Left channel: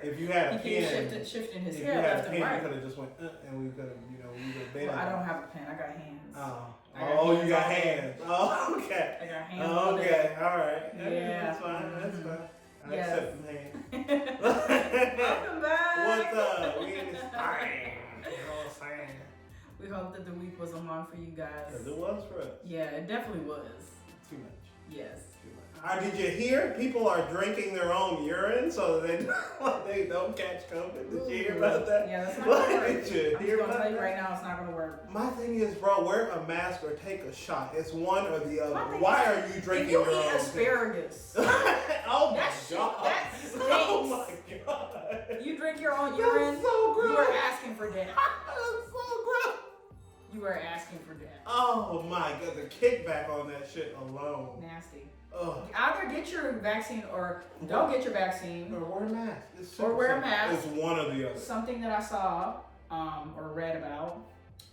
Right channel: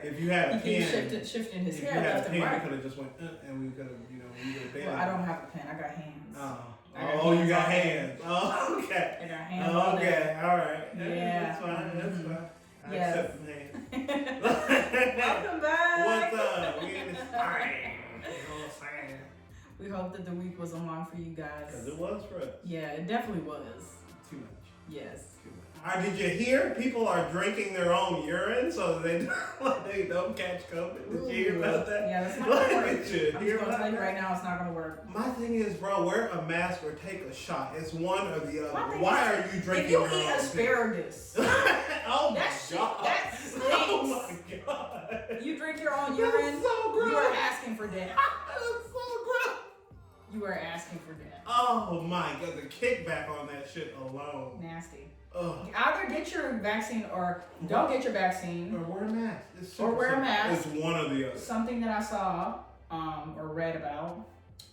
If you had a pen, shifting his if hair you had a left and pen, right. you could have just went, and we could have, we could have been. Well, I don't have a pen. I got hands. You got hands. Oh, okay. I got hands. Okay, all right. Yeah. That's fine. That's fine. I Yes. accept the hand. Welcome back. What's up? We in this thing. You know what I'm saying? We hope that the week was long for you guys. Because it was for us. Yeah, it definitely was. Too much. Yes. Did you hear people are drinking their own urine so they don't catch COVID? Did you hear about that? Yeah, that's not gonna work. Did you I'm hear just gonna about tell you that? right now, it's not gonna work. My thing is, bro, wear a mask or take a shot. It's one or the My other. thing Why is, are you drinking if you your eat own asparagus, oh that my shit, god! that Oh stinks. my god! You drink your own That's urine, so gross. you are asking for death. That's so gross. You are asking for death. Oh my god, the kickback on that shit alone. Nasty. Ugh. Either get your vaccine or don't get your vaccine. Or wear a mask. It's Or wear a simple. mask. It's one or the other. Something that I saw or read about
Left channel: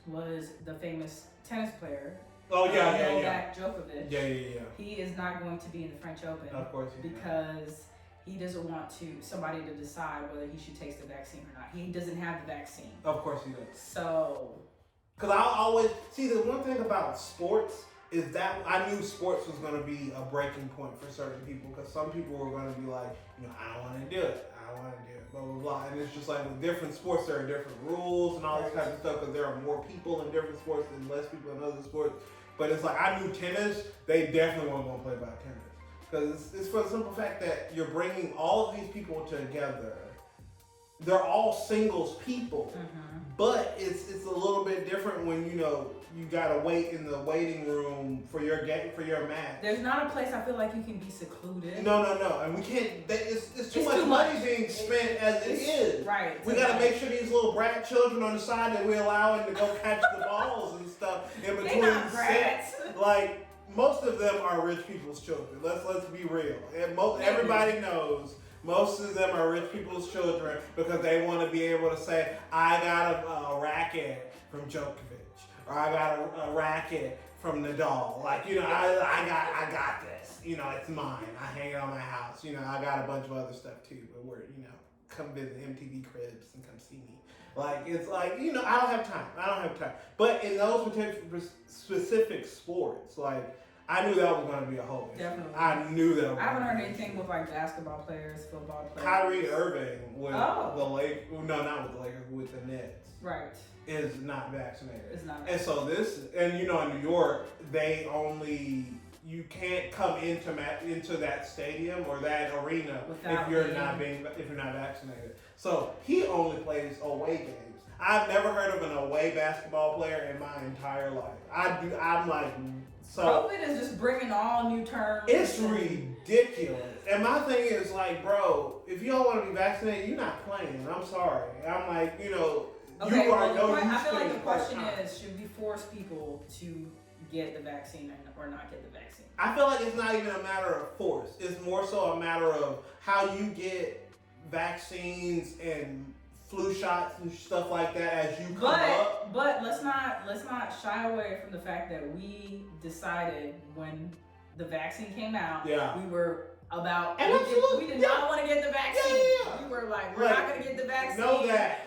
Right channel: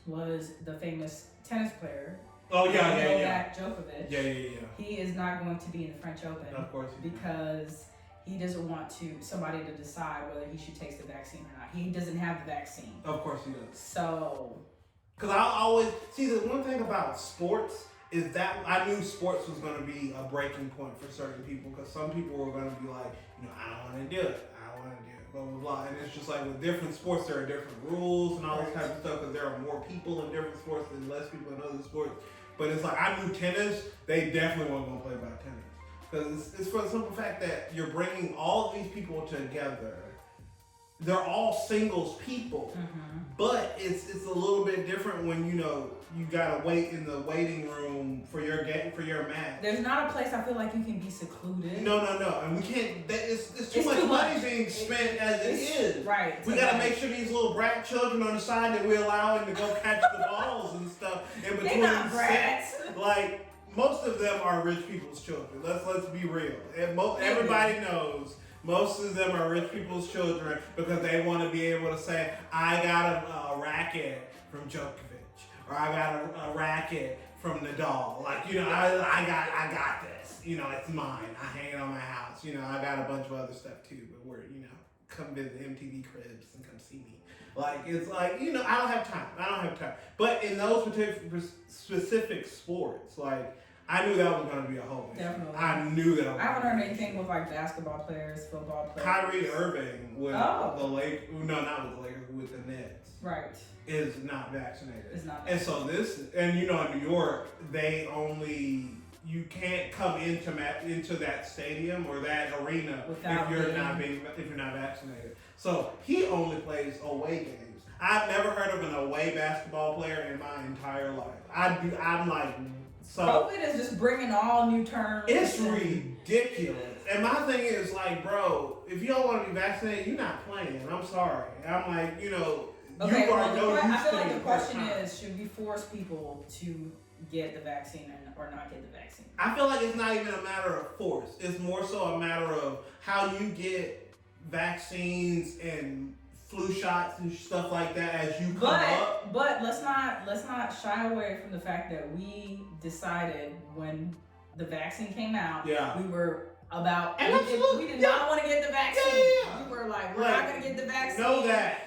was the famous tennis player. Oh yeah. Novak Djokovic. Yeah. He is not going to be in the French Open. Of course he can. Because he doesn't want somebody to decide whether he should take the vaccine or not. He doesn't have the vaccine. Of course he does. So. Because I always see the one thing about sports is that I knew sports was going to be a breaking point for certain people because some people were going to be like, I don't want to do it. I don't want to do it. Blah, blah, blah. And it's just like with different sports, there are different rules and all this type of stuff because there are more people in different sports than less people in other sports. But it's like I knew tennis, they definitely weren't going to play about tennis. Because it's for the simple fact that you're bringing all of these people together. They're all singles people, but it's a little bit different when you gotta wait in the waiting room for your game for your match. There's not a place I feel like you can be secluded. No, and we can't. It's too much money being spent as it is. Right. We gotta make sure these little brat children on the side that we allow them to go catch the balls and stuff in between They're not brats. sets. Like most of them are rich people's children. Let's be real. And everybody knows. Most of them are rich people's children because they want to be able to say, I got a racket from Djokovic, or I got a racket from Nadal. Like, I got this. It's mine. I hang it on my house. I got a bunch of other stuff too, but come visit MTV Cribs and come see me. Like, it's like, I don't have time. But in those particular specific sports, like, I knew that was going to be a whole issue. Definitely. I knew that. I haven't heard anything with like basketball players, football players. Kyrie Irving with the Lakers, no, not with the Lakers, with the Nets. Right. Is not vaccinated. Is not vaccinated. And so in New York, you can't come into that stadium or that arena if you're not vaccinated. So he only plays away games. I've never heard of an away basketball player in my entire life. I'm like. So COVID is just bringing all new terms. It's ridiculous. And my thing is like, bro, if you don't want to be vaccinated, you're not playing. I'm sorry. I'm like, Okay, you are I feel like the question is, should we force people to get the vaccine or not get the vaccine? I feel like it's not even a matter of force. It's more so a matter of how you get vaccines and flu shots and stuff like that as you come up. But let's not shy away from the fact that we decided when the vaccine came out, we were about we did not want to get the vaccine. We were like, we're not going to get the vaccine. Know that.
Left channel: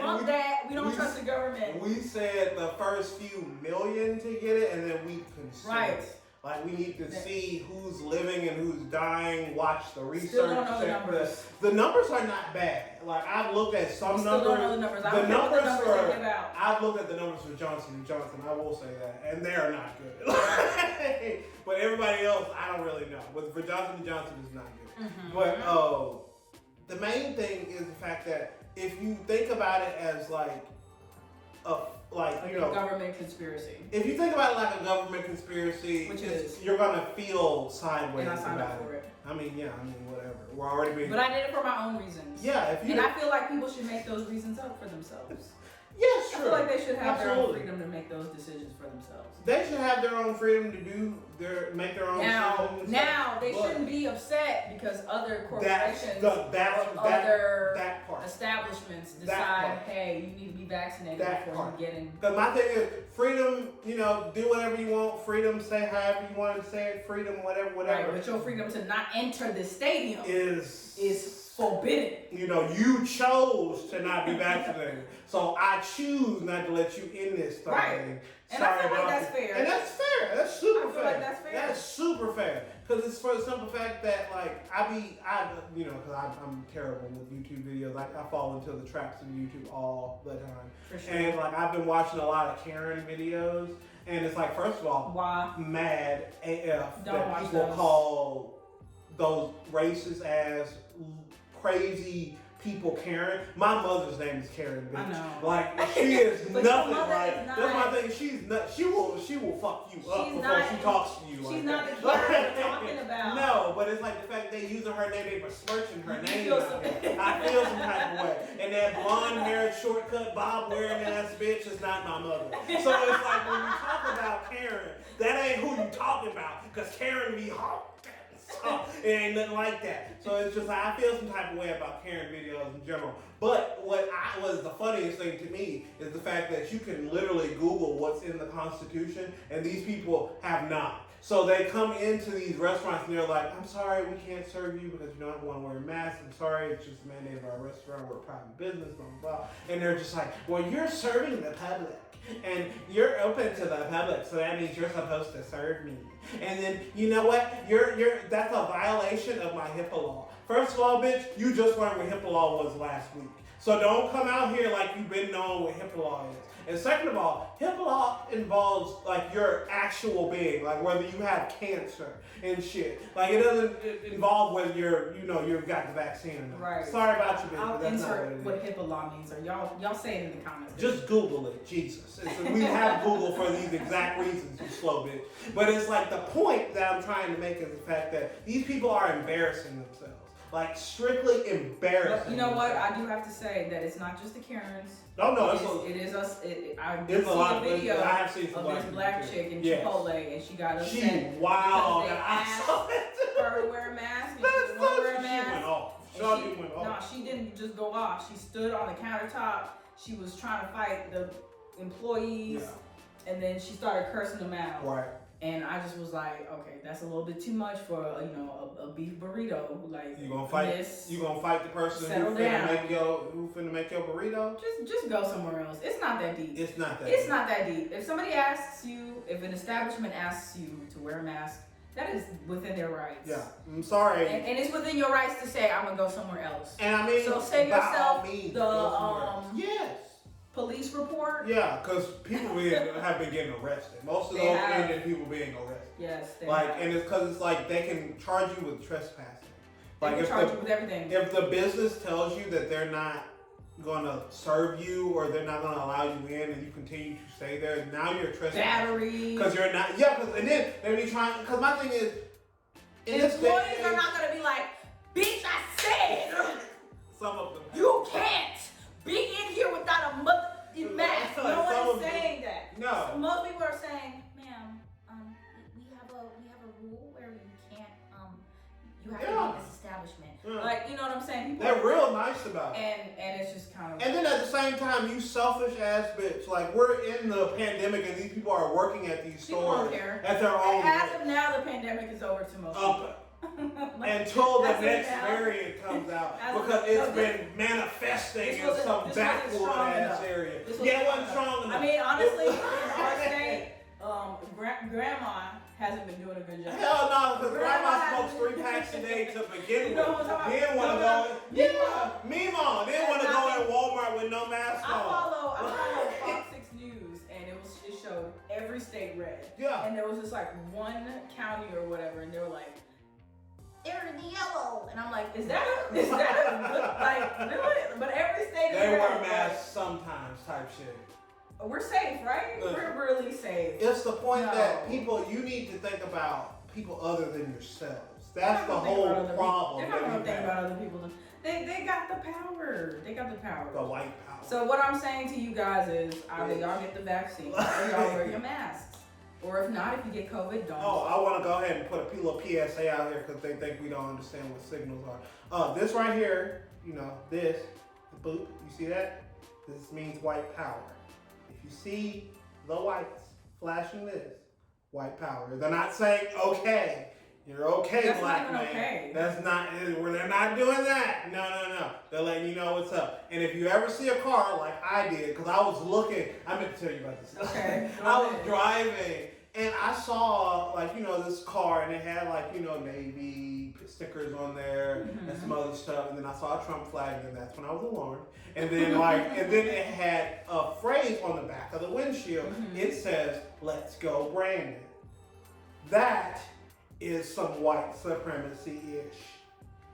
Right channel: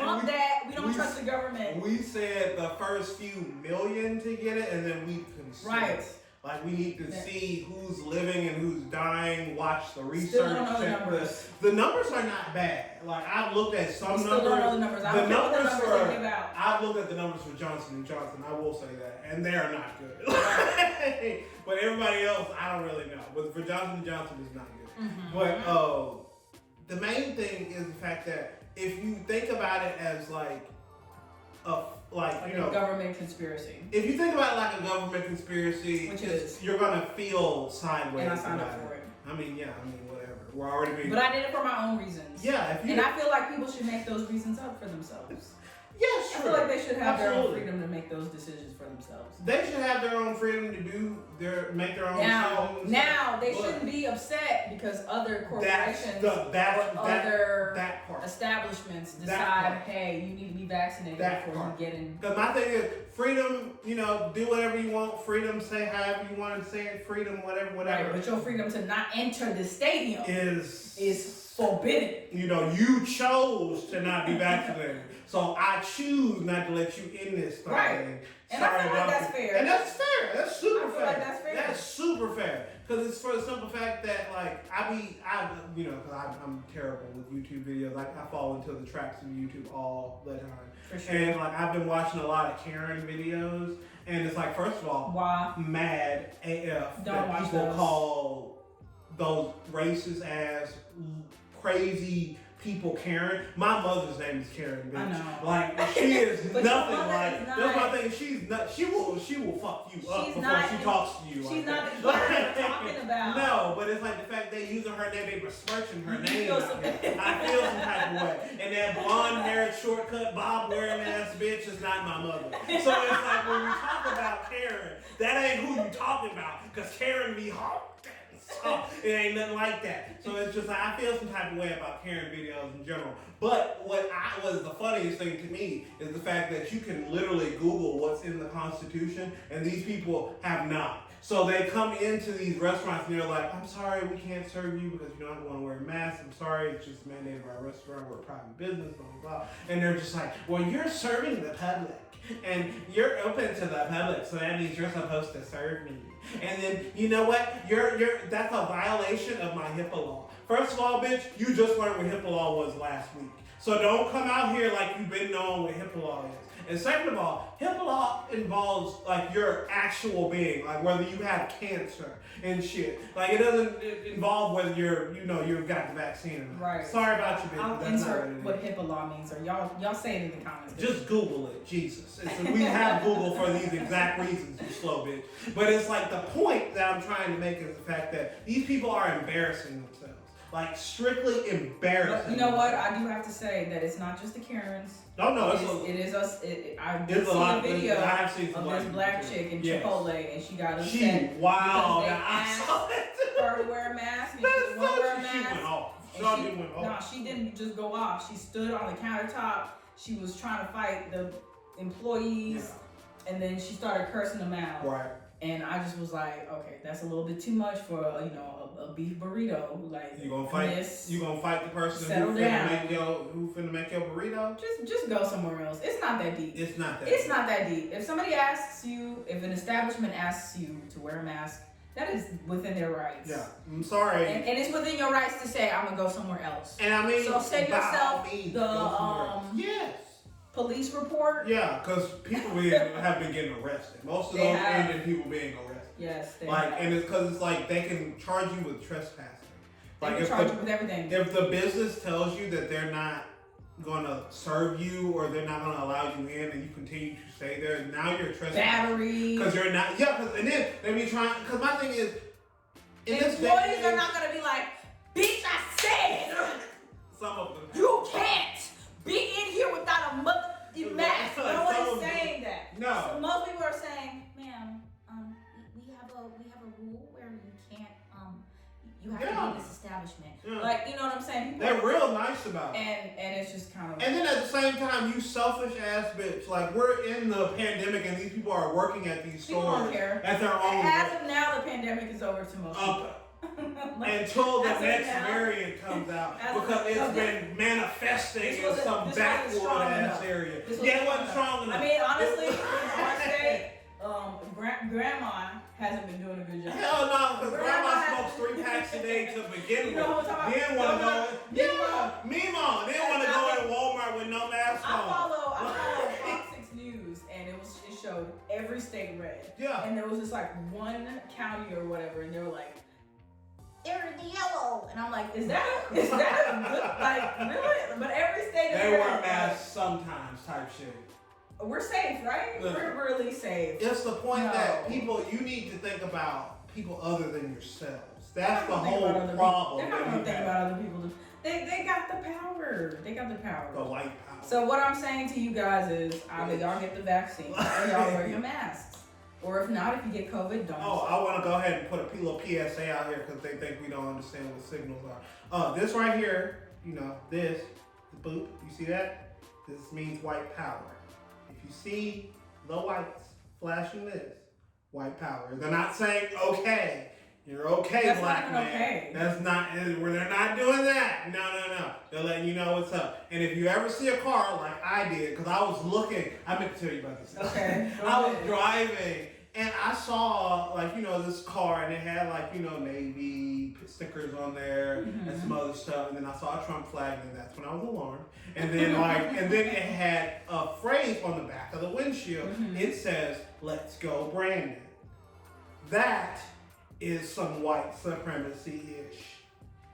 Bump that. We don't trust the government. We said the first few million to get it, and then we consider. Right. Like, we need to see who's living and who's dying, watch the research. Still don't know the numbers. The numbers are not bad. Like, I've looked at some numbers. Still don't know the numbers. I don't know what the numbers they give out. I've looked at the numbers for Johnson & Johnson, I will say that, and they are not good. But everybody else, I don't really know. But for Johnson & Johnson, it's not good. But the main thing is the fact that if you think about it as like a government conspiracy. If you think about it like a government conspiracy, which is you're gonna feel sideways. And I signed up for it. Whatever. We're already being. But I did it for my own reasons. Yeah, and I feel like people should make those reasons up for themselves. Yes, sure. I feel like they should have their own freedom to make those decisions for themselves. They should have their own freedom to make their own decisions. Now they shouldn't be upset because other corporations that part. establishments decide, hey, you need to be vaccinated before you get in. Because my thing is freedom, do whatever you want, freedom, say however you want to say it, freedom, whatever. Right, but your freedom to not enter the stadium is forbidden. You chose to not be vaccinated. So I choose not to let you in this thing. Right. And I feel like that's fair. And that's fair. That's super fair. I feel like that's fair. That's super fair. Because it's for the simple fact that, because I'm terrible with YouTube videos. Like, I fall into the traps of YouTube all the time. For sure. And, I've been watching a lot of Karen videos. And it's like, first of all, mad AF that people call those racist ass, crazy people Karen. My mother's name is Karen, bitch. I know. She is nothing like. That's my thing. She's not. She will fuck you up before she talks to you. She's not the Karen we're talking about. No, but it's like the fact they using her name, they besmirching her name. I feel some type of way. And that blonde haired, shortcut, bob wearing ass bitch is not my mother. So it's like when we talk about Karen, that ain't who you talking about. Because Karen be hot. It ain't nothing like that. So it's just like I feel some type of way about Karen videos in general. But what was the funniest thing to me is the fact that you can literally Google what's in the Constitution, and these people have not. So they come into these restaurants and they're like, I'm sorry, we can't serve you because you don't want to wear a mask. I'm sorry, it's just mandated by our restaurant. We're a private business, blah, blah, blah. And they're just like, well, you're serving the public. And you're open to the public, so that means you're supposed to serve me. And then, you know what? That's a violation of my HIPAA law. First of all, bitch, you just learned what HIPAA law was last week. So don't come out here like you've been knowing what HIPAA law is. And second of all, HIPAA law involves your actual being, whether you have cancer and shit. It doesn't involve whether you've got the vaccine or not. Right. Sorry about you, bitch. I'll insert what HIPAA law means, or y'all say it in the comments. Just Google it, Jesus. We have Google for these exact reasons, you slow bitch. But it's the point that I'm trying to make is the fact that these people are embarrassing themselves. Strictly embarrassing. But you know what? I do have to say that it's not just the Karens. No, it is us. I did see a video of this black chick in Chipotle, and she got upset. Wow. They asked her to wear a mask, and she didn't wear a mask. No, she didn't just go off. She stood on the countertop. She was trying to fight the employees, and then she started cursing them out. Right. And I just was like, okay, that's a little bit too much for a beef burrito. You gonna fight? You gonna fight the person who finna make your burrito? Just go somewhere else. It's not that deep. It's not that deep. If somebody asks you, if an establishment asks you to wear a mask, that is within their rights. Yeah, I'm sorry. And it's within your rights to say, I'm gonna go somewhere else. And I mean, so save yourself yes. Police report. Yeah, because people have been getting arrested. Most of those Indian people being arrested. Yes, they and it's because it's they can charge you with trespassing. They can charge you with everything. If the business tells you that they're not gonna serve you or they're not gonna allow you in, and you continue to stay there, now you're trespassing. Battery. Because you're not. Yeah, and then they be trying. Because my thing is, employees are not gonna be like, bitch, I said. Some of them. You can't be in here without a mask. No one is saying that. No. So most people are saying, ma'am, we have a rule where you can't you have to be in this establishment. Yeah. You know what I'm saying? People they're real nice about it. And it's just kind of and then at the same time, you selfish ass bitch. We're in the pandemic and these people are working at these stores at their own As of now, the pandemic is over to most people. Until the next variant comes out, because it's been manifesting in some backward ass area. It wasn't strong enough. I mean, honestly, in our state, grandma hasn't been doing a good job. Hell no, because grandma smokes 3 packs a day to begin with. Then want to go, Mima, then want to go in Walmart with no mask on. I follow Fox 6 News, and it showed every state red. Yeah. And there was just one county or whatever, and they were like, they're in the yellow, and I'm like, is that a good, really? But every state is they wear masks sometimes, type shit. We're safe, right? We're really safe. It's the point that you need to think about people other than yourselves. That's the whole problem. They're not going to think about other people. They got the power. They got the power. The white power. So what I'm saying to you guys is either y'all get the vaccine or y'all wear your masks. Or if not, if you get COVID, don't. Oh, I want to go ahead and put a little PSA out here because they think we don't understand what signals are. This right here, this, the boop, you see that? This means white power. If you see the whites flashing this, white power. They're not saying okay. You're okay, that's black man. Okay. That's not. They're not doing that. No. They're letting you know what's up. And if you ever see a car like I did, because I was looking, I meant to tell you about this. Okay. I was driving and I saw this car and it had Navy stickers on there and some other stuff. And then I saw a Trump flag and that's when I was alarmed. And then and then it had a phrase on the back of the windshield. It says, "Let's go, Brandon." That is some white supremacy-ish.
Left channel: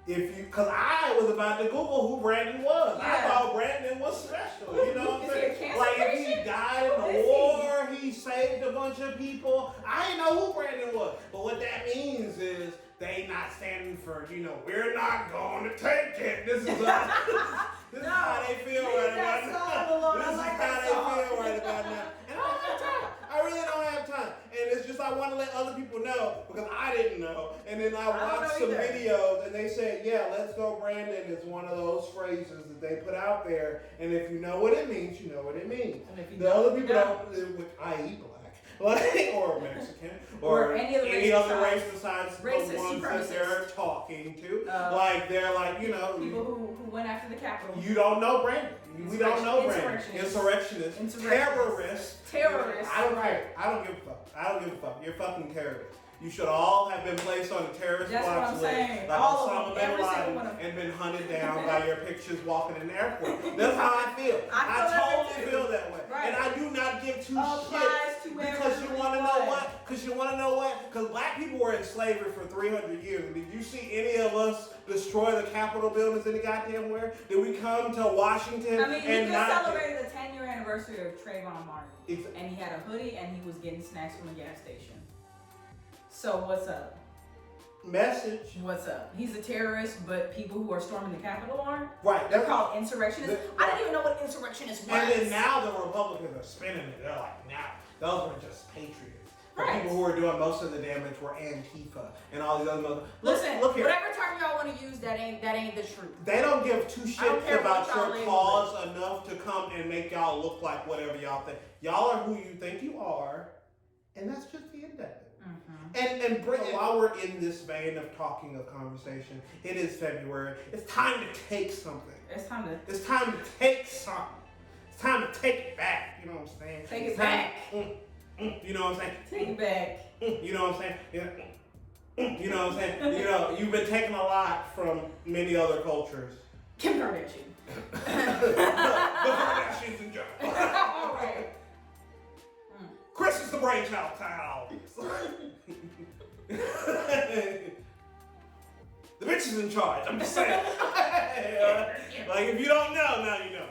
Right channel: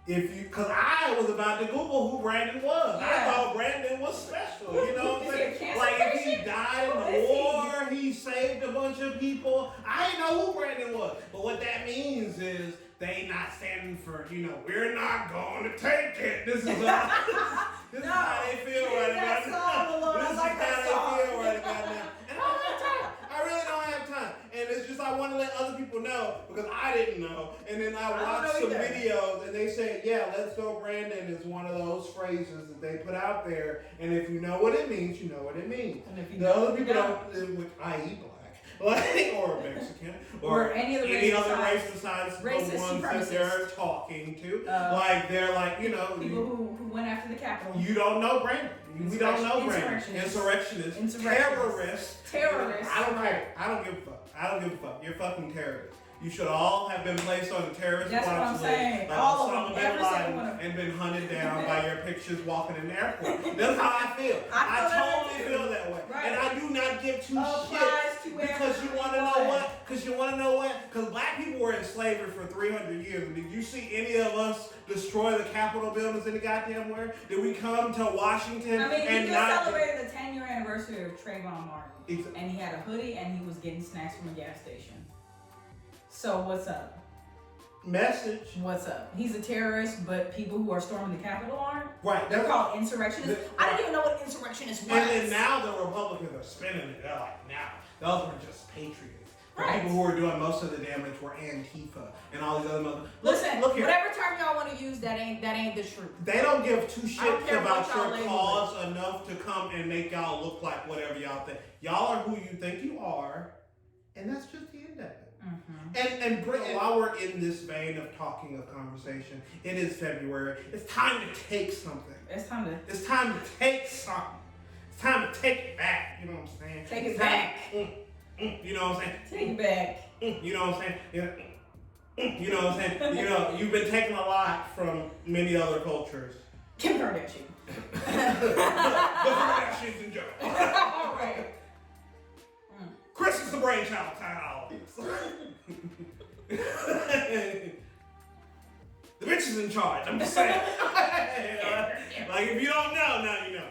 Because I was about to Google who Brandon was. Yeah. I thought Brandon was special. You know what I'm saying? Like if he died in the war, he saved a bunch of people. I didn't know who Brandon was. But what that means is they not standing for, we're not going to take it. This is this is how they feel right now. This is how they feel right about now. And I don't have time. I really don't have time. And it's just I want to let other people know because I didn't know. And then I watched some videos and they said, yeah, let's go Brandon is one of those phrases that they put out there. And if you know what it means, you know what it means. And if you the other people don't, i.e. black, or Mexican, or any other race besides the ones that they're talking to. They're like, people who went after the Capitol. You don't know Brandon. We don't know Brandon. Insurrectionist. Terrorist. I don't care. I don't give a fuck. You're fucking terrorist. You should all have been placed on the terrorist watch list. Like all of them, every single one of them. And been hunted down by your pictures walking in the airport. That's how I feel. I totally feel that way. Right. And I do not give two shits because you want to know what? Because black people were in slavery for 300 years. And did you see any of us destroy the Capitol buildings any goddamn where? Did we come to Washington? I mean, we just celebrated the 10-year anniversary of Trayvon Martin. And he had a hoodie and he was getting snacks from a gas station. So what's up? Message. What's up? He's a terrorist, but people who are storming the Capitol aren't. Right. They're called insurrectionists. I didn't even know what insurrectionists was. And then now the Republicans are spinning it. They're like, those were just patriots. The people who were doing most of the damage were Antifa and all these other motherfuckers. Listen, whatever term y'all want to use, that ain't the truth. They don't give two shits about your cause enough to come and make y'all look like whatever y'all think. Y'all are who you think you are, and that's just the end of it. And while we're in this vein of talking of conversation, it is February. It's time to take something. It's time to take something. It's time to take it back. You know what I'm saying? Take it back. You know what I'm saying? Take it back. You know what I'm saying? Yeah. You know what I'm saying? You've been taking a lot from many other cultures. Kim Kardashian. the Kardashians in general. All right. Chris is the brainchild behind all this. The bitch is in charge. I'm just saying. Like if you don't know, now you know.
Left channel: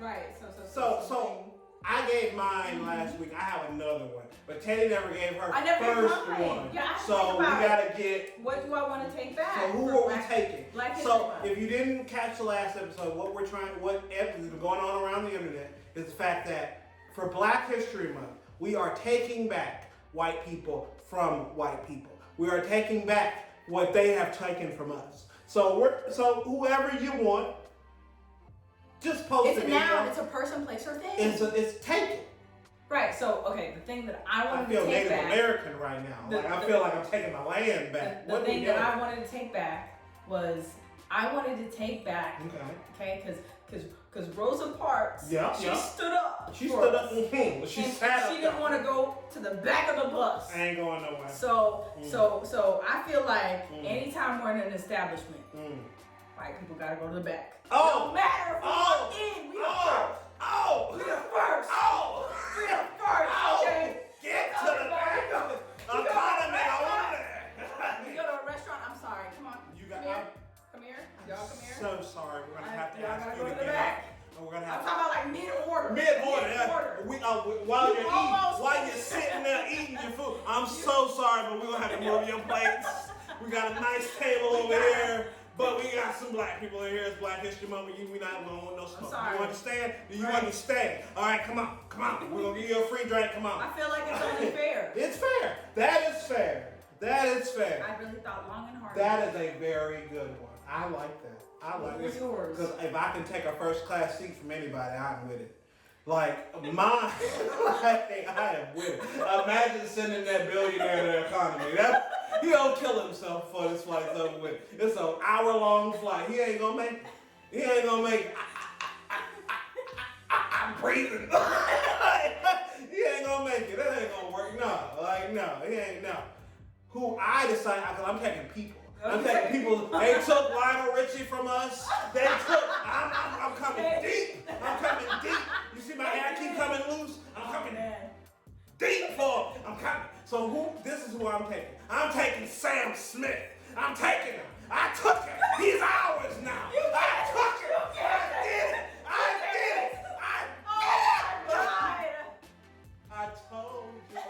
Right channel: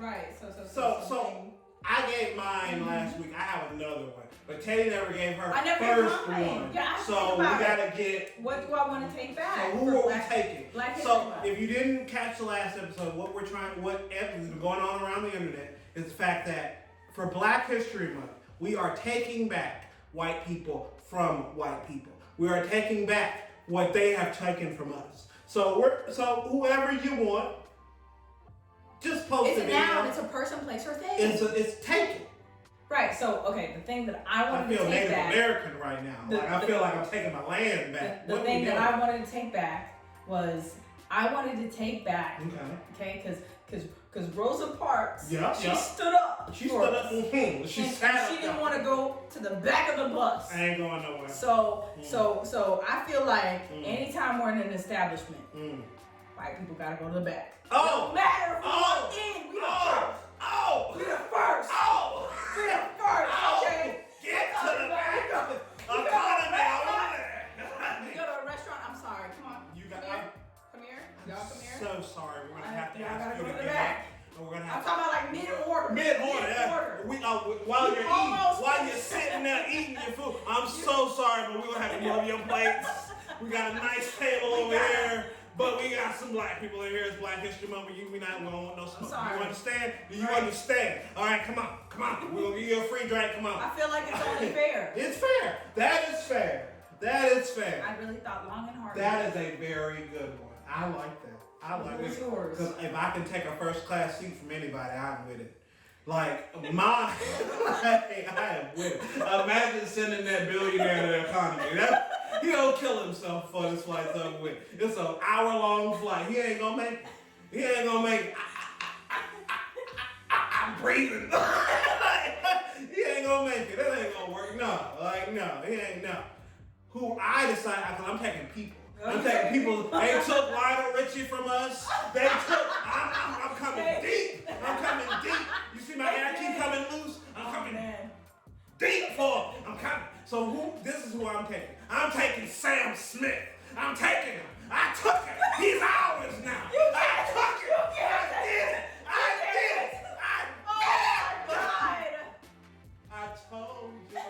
Right. So I gave mine last week. I have another one, but Teddy never gave her first one. Yeah, so we gotta get. What do I want to take back? So who are we taking? So if you didn't catch the last episode, what has been going on around the internet is the fact that for Black History Month, we are taking back white people from white people. We are taking back what they have taken from us. So whoever you want, just post it. It's a noun. It's a person, place, or thing. It's taken. Right. So the thing that I wanted to take back. I feel Native American right now. I feel like I'm taking my land back. The thing that I wanted to take back was I wanted to take back. Okay. Because Rosa Parks, she stood up. She stood up and came. She didn't want to go to the back of the bus. I ain't going nowhere. So I feel like anytime we're in an establishment, white people gotta go to the back. No matter if we walk in, we the first. We the first. We the first. Okay. Get to the back of it. I'm calling it. I want it. You go to a restaurant. I'm sorry. Come on. Come here. Y'all come here. So sorry. We're gonna have to. Y'all gotta go to the back. I'm talking about like mid-order. While you're sitting there eating your food. I'm so sorry, but we're gonna have to move your plates. We got a nice table over here. But we got some black people in here. It's Black History Month. We not gonna want no smoke. sorry. You understand? Do you understand? All right, come on. We're gonna give you a free drink. Come on. I feel like it's only fair. It's fair. That is fair. I really thought long and hard. That is a very good one. I like that. I like it. Because if I can take a first class seat from anybody, I'm with it. Like, mine, I am with it. Imagine sending that billionaire to the economy. He'll kill himself before this flight's over with. It's an hour-long flight. He ain't gonna make it. I'm breathing. He ain't gonna make it. That ain't gonna work. No, he ain't, no. Who I decide, because I'm taking people. I'm taking people. They took Lionel Richie from us. I'm coming deep. You see my air keep coming loose? I'm coming deep for him. I'm coming. So this is who I'm taking. I'm taking Sam Smith. I'm taking him. I took him. He's ours now. I took him. I did it. I told you now.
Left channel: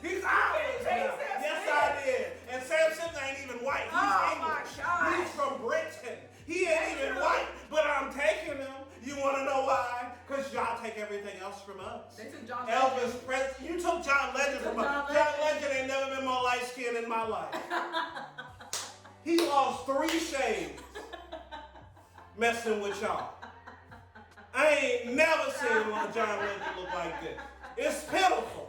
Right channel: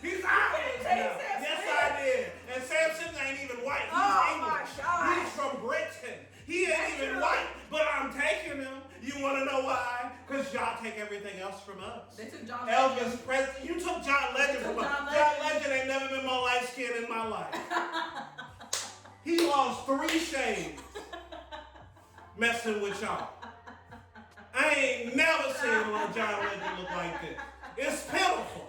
He's ours now. Yes, I did. And Sam Smith ain't even white. He's English. My God. He's from Britain. He ain't even white, but I'm taking him. You want to know why? Because y'all take everything else from us. They took John Elvis Legend. Presley. You took John Legend from us. John Legend ain't never been more light skinned in my life. He lost 3 shades messing with y'all. I ain't never seen John Legend look like this. It's pitiful.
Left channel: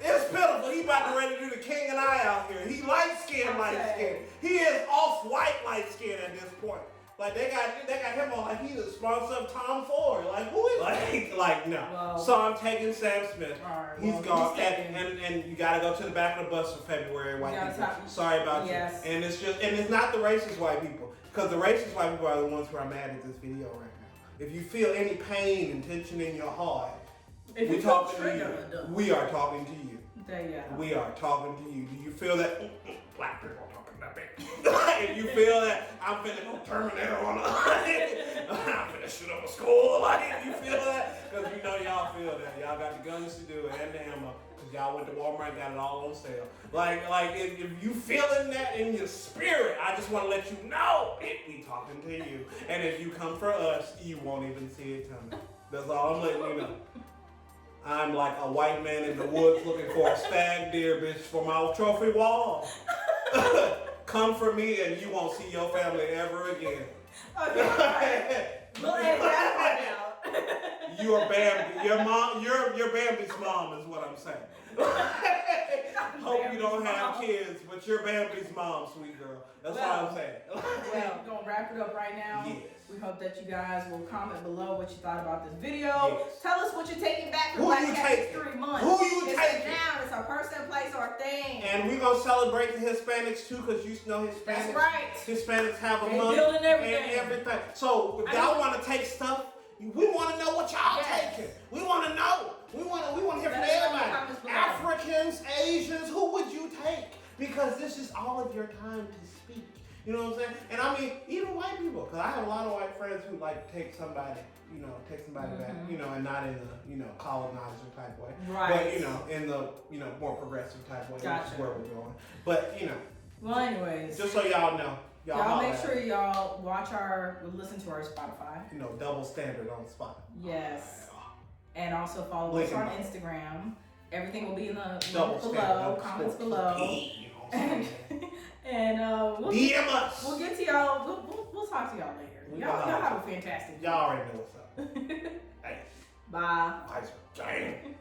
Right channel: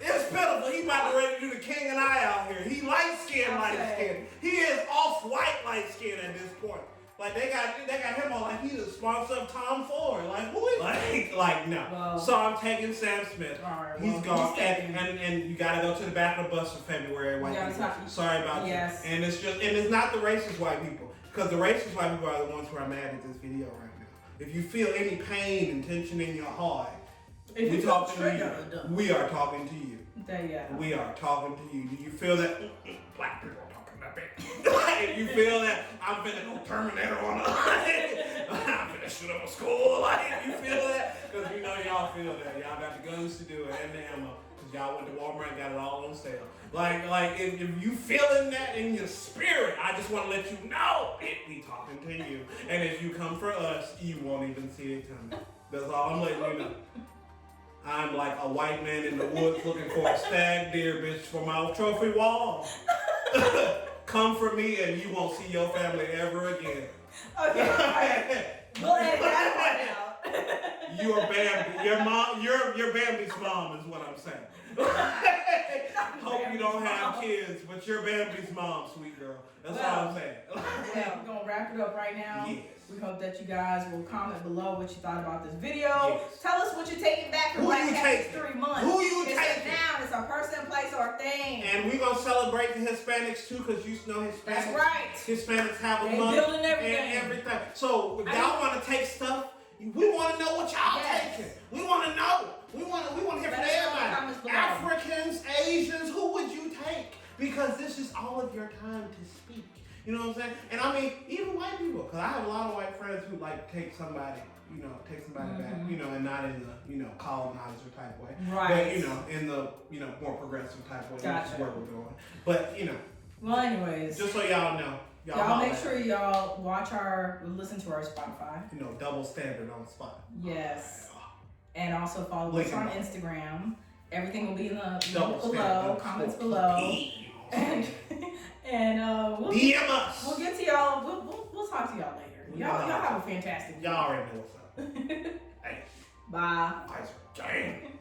It's pitiful. He about to ready to do the King and I out here. He light skinned. He is off-white light skinned at this point. Like they got him on like he's a sponsor of Tom Ford. Like who is like no. Well, so I'm taking Sam Smith. Right, He's gone. And you gotta go to the back of the bus for February, white people. Sorry about you. And it's not the racist white people. Because the racist white people are the ones who are mad at this video right now. If you feel any pain and tension in your heart, we talking to you. We are talking to you. We are talking to you. Do you feel that? Black people are talking about that. If you feel that, I'm finna go Terminator on I'm finna shoot up a school. Like, you feel that? Because you know y'all feel that. Y'all got the guns to do it and the ammo. Because y'all went to Walmart and got it all on sale. Like if you feeling that in your spirit, I just want to let you know we talking to you. And if you come for us, you won't even see it coming. That's all I'm letting you know. I'm like a white man in the woods looking for a stag deer, bitch, for my trophy wall. Come for me and you won't see your family ever again. Okay, all right. We'll edit that one out. You are Bambi. Your mom, you're Bambi's mom is what I'm saying. Hope you don't have kids, but you're Bambi's mom, sweet girl. That's all I'm saying. Well, we're going to wrap it up right now. Yes. We hope that you guys will comment below what you thought about this video. Yes. Tell us what you're taking back from Black History Month. Who you taking? It's a noun. It's a person, place, or thing. And we're going to celebrate the Hispanics too, because you know Hispanics. That's right. Hispanics have a month building everything. and everything. So if y'all want to take stuff, we want to know what y'all taking. We want to know. We want to hear from everybody. Africans, Asians, who would you take? Because this is all of your time to speak. You know what I'm saying? And I mean, even white people, because I have a lot of white friends who like take somebody back, and not in the, colonizer type way. Right. But, in the, more progressive type way. Gotcha. Which is where we're going. But, Well, anyways. Just so y'all know. Y'all make sure y'all listen to our Spotify. Double standard on Spotify. Yes. And also follow us on Instagram. Everything will be in the link below, comments below. And we'll DM us. We'll get to y'all. We'll talk to y'all later. Y'all have a fantastic day. Y'all already know what's up. Hey. Bye. Dang.